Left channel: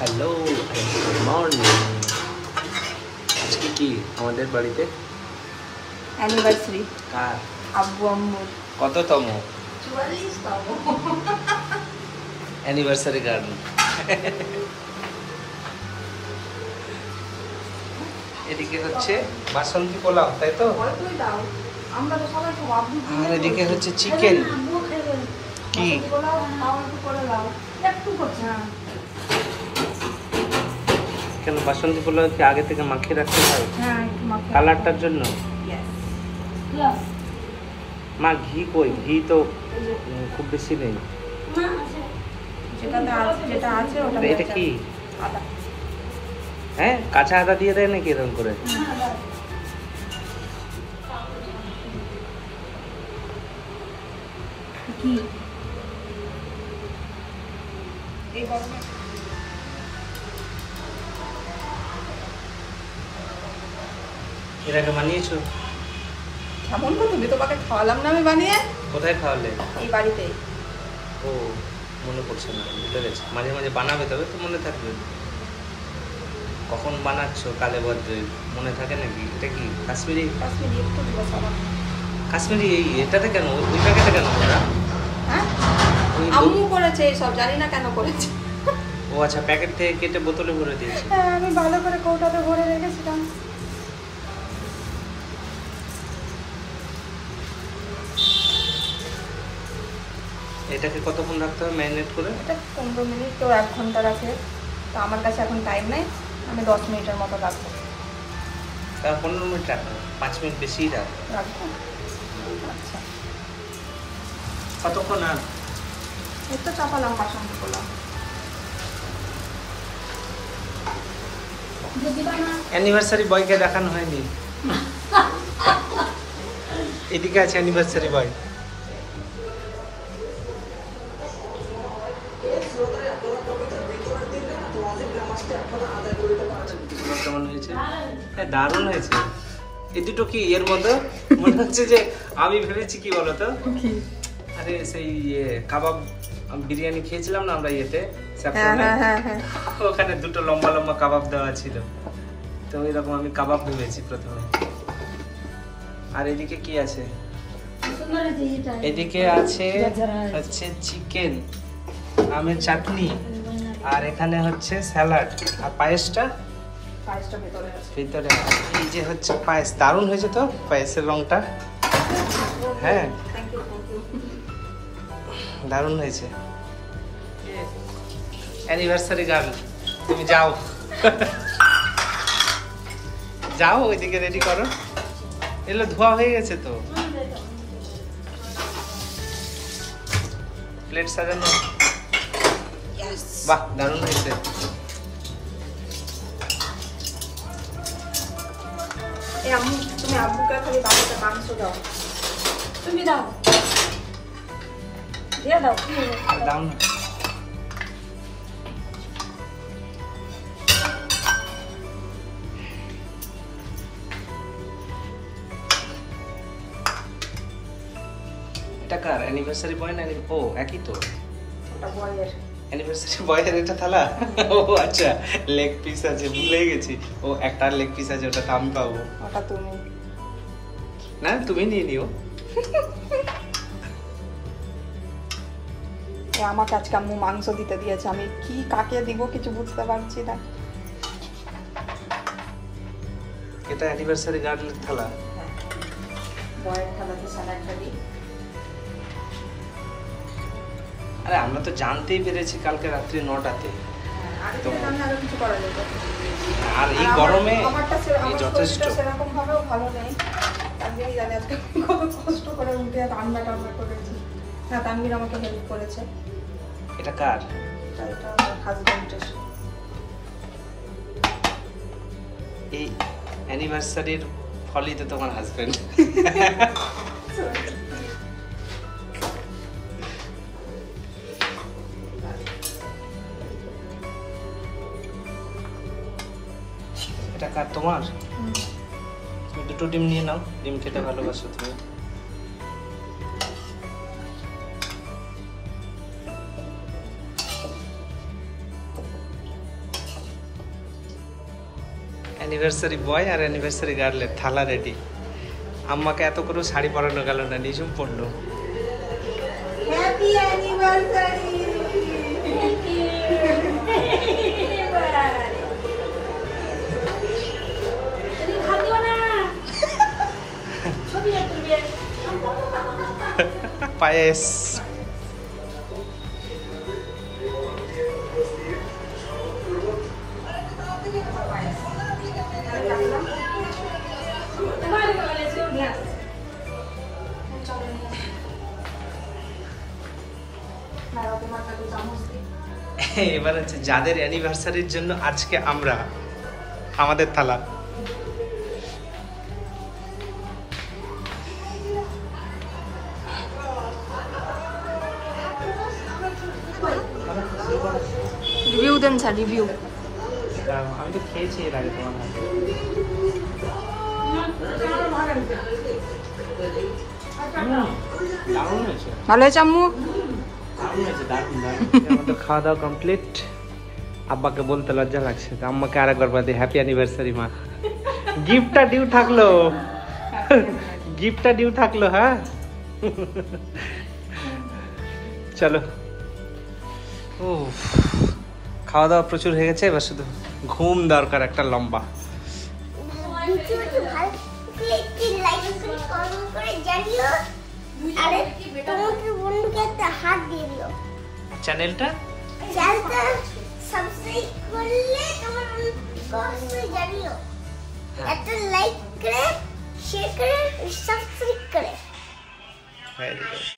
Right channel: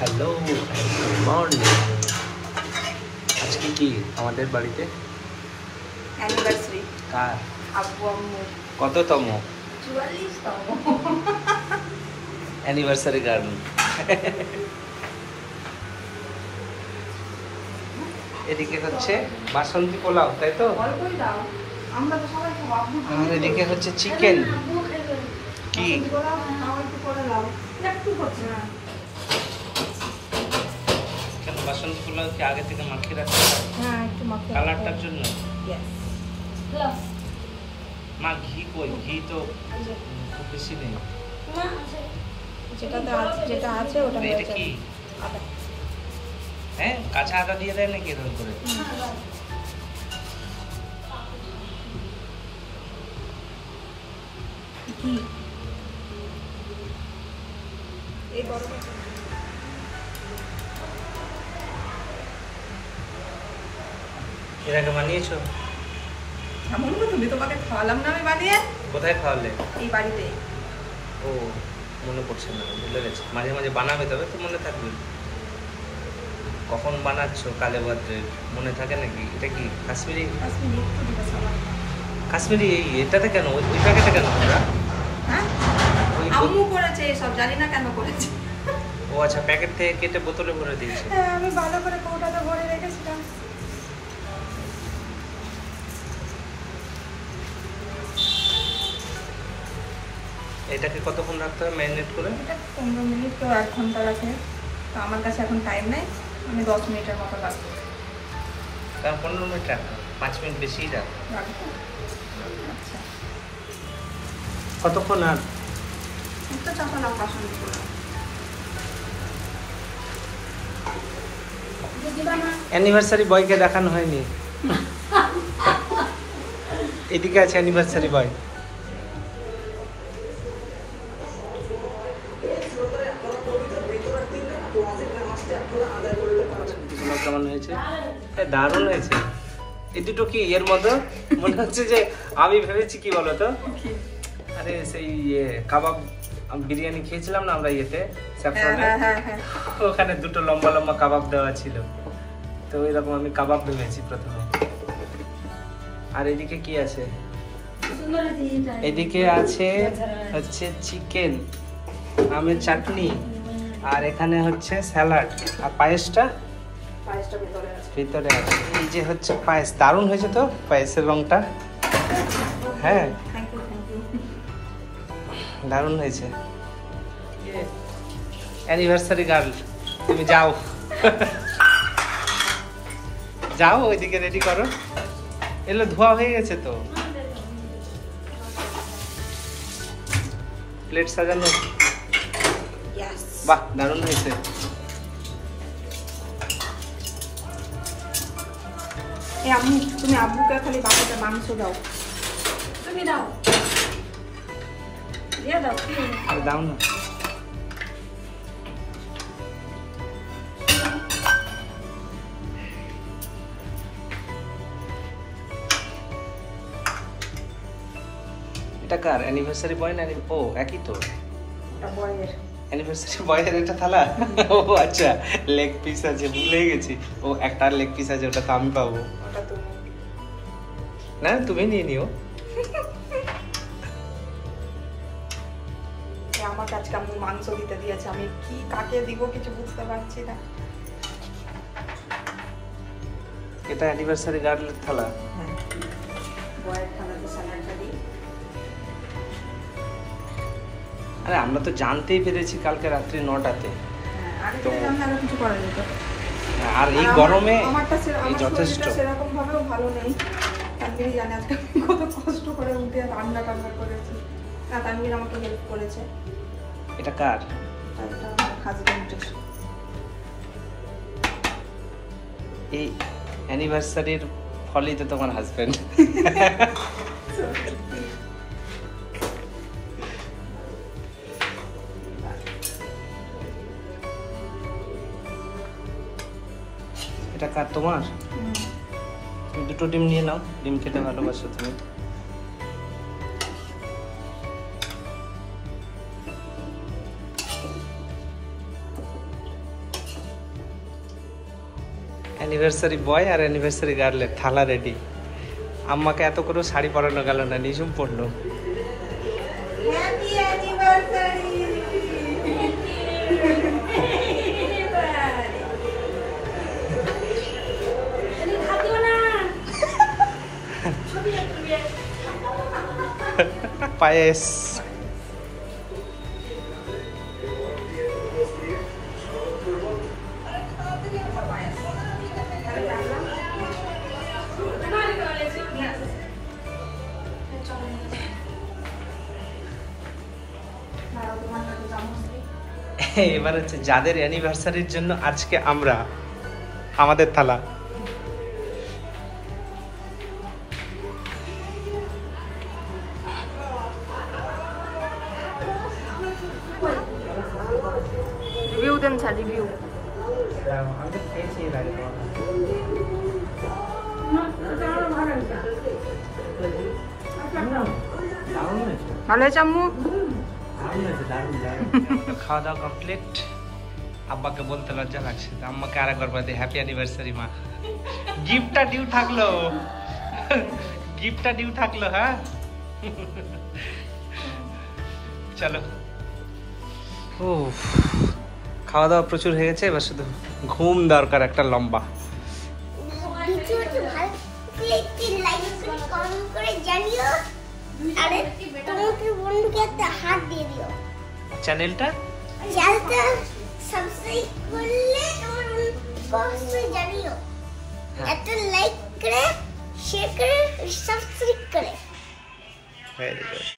Hello, good morning. আজকে কি আমাদের বাড়িতে অ্যানিভার্সারি। কার? আব্বু আম্মু। কততম 44তম অ্যানিভার্সারি গার্ল? এদিকে হচ্ছে বাসন্তী পোলাও, তাই তো? অল্পই দাও, আমরা তো সবাই খাবো। আব্বু আর এদিকে হচ্ছে চিকেন। কি একটু করছে না। কেন বাসন্তী পোলাও কি আগে থেকে মাখিয়ে রাখতে হয়? হ্যাঁ, একটু মাখো। কালারটার জন্য? Yes. প্লাস মা ঘি কই? ঘি তো খুব বেশি নেই। যেটা আছে ওটা এটা কি? আদা। হ্যাঁ, কাঁচা আদা দিয়ে দেয় নাকি এরকম করে? কি এই গরমে এর আগে বানিয়েছো? এমন করে তুমি তোমাকে খাওয়ালাম না আমি বানিয়ে? কোথায় খাওয়ালে? এই বাড়িতে। ও, মনে পড়ছে না, ভুলে গেছি। মাঝে মাঝে বানাবে, তবে তো মনে থাকবে। কখন বানাচ্ছো কালে ভদ্রে, মনে থাকে নাকি? এটা কি কাশ্মীরি? কাশ্মীরি এটাতে কেন, ওই প্যাকেটে কেন ওরা? হ্যাঁ, আম্মু করেছে এইসব, জানি না কেন করেছে। ও আচ্ছা, প্যাকেট থেকে কেটে বোতলে ভরে দিয়েছে। হ্যাঁ, আমি ভালো করে কৌটাতে ভরে রেখেছিলাম। এটাকে কতক্ষণ রাখতে হবে ম্যারিনেট করে? এটা 15 মিনিট তো 1 ঘন্টা রাখে। তো আমার কাছে এখন টাইম নেই, আমি 10 মিনিটের মতো রাখবো। তা 15 মিনিট রাখো, 5 মিনিট বেশিই রাখো। রাখবো? আচ্ছা, কতক্ষণ? আর একটু চাপালাম বাসন্তী পোলাও। অ্যানিভার্সারি বয়কে দেখানো হয়নি। এদিকে আছে অ্যানিভার্সারি বয়। কেমন হয়েছে? হ্যাঁ, দারুণ হয়েছে। এই দুটো কি এর মধ্যে মনে হচ্ছে যে আমি ভেবেছি কি বলতো, আরে সেই কাবাব বিরিয়ানি খেয়েছিলাম না আমরা ইয়েতে, স্যাফরনে, ওখানে দুটো লম্বা লম্বা কাবাব দেওয়া ছিল, তো এরকম আমি কাবাব ভেবেছি প্রথমে। আর এদিকে কি আছে? এদিকে আছে হচ্ছে চিকেন, আমের চাটনি, আর এখানে হচ্ছে স্যালাড, আর পায়েসটা ভিতরে আছে। এই যে হচ্ছে পায়েস, দারুণ হয়েছে তো পায়েসের রংটা। হ্যাঁ, দারুণ হয়েছে। অ্যানিভার্সারি গার্ল, তুমি যাও যাও ওইদিকে রেডি করো। এগুলো ধোয়া হয়ে গেছে তো, প্লেট সাজানো। বাহ, দারুণ হয়েছে। তুমি আব্বুকে খালি বাড়িতে মাংস দাও, তুমি দাও, দিয়ে দাও। আর দাও না। এটা কার অ্যানিভার্সারি বয় না? ও একই তো, অ্যানিভার্সারি বয়ের একটা থালা। ও আচ্ছা, লেগ পিস আছে, ভুলে গেছি। ও একটা লেগ পিস আছে, ওটা তো আমি পাবো না, তুমি নিয়ে নিও। আমাকে আজকে আম্মু মাংস দিতে দিয়েছে, আমি কি কাকে দিব কিছু বুঝতে পারছি না। এটা অ্যানিভার্সারি গার্লের থালা। বয়ের থালাতে স্যালাডটা দিই। আরে আমরা তো জানতেই পেরেছি কালকে রাত্রি 9টাতে। আর এই গরমে এই যথেষ্ট। সেরকম ভাবেও ভালো নেই, তানভীর জানে আজকে কত কষ্ট করে উঠে রান্না টান্না করেছি। না, তানভীর আমাকে হেল্প করেছে। এটা কার? হাজবেন্ডের। এই অ্যানিভার্সারির ফলই তো তোমার হাজবেন্ড। এটা কার? তোমার? তুমি দুটো ডিম নিয়ে নাও, ডিম খেতে ভালোবাসো তুমি। অ্যানিভার্সারি বয় আর অ্যানিভার্সারি গার্লের থালা রেডি। আম্মাকে এত করে শাড়ি পরানো গেল না, নিঝুম পড়লো। Happy anniversary. পায়েস। এবার হচ্ছে যাদের অ্যানিভার্সারির জন্য আজকে আমরা, আমাদের থালা। রিভিউ দেন স্যার, রিভিউ। আমি তো খেয়েছি এর আগে তোমার ভালো হয়েছে আম্মু? খাওয়া দাওয়া কমপ্লিট। আব্বাকে বলতে লজ্জা লাগছে, আম্মাকে আরেকবার বাদে হ্যাপি অ্যানিভার্সারি মা। গিফটটা ডিউ থাকলো, গিফটটা ডিউ থাকলো। হ্যাঁ চলো। ও খাওয়া দাওয়া প্রচুর হয়ে গেছে, এবার শুধু ঘুম দরকার একটা লম্বা। ভিডিওটি ভালো লাগলে একটি লাইক করে কমেন্ট করে জানিও, আর তোমাদের বন্ধুকে একটা হাত দিয়ে দিও। চ্যানেলটা সাবস্ক্রাইব করলে তোমার বন্ধুকে জানিও, একটা লাইক করে শেয়ার করে সাবস্ক্রাইব করে। Very good.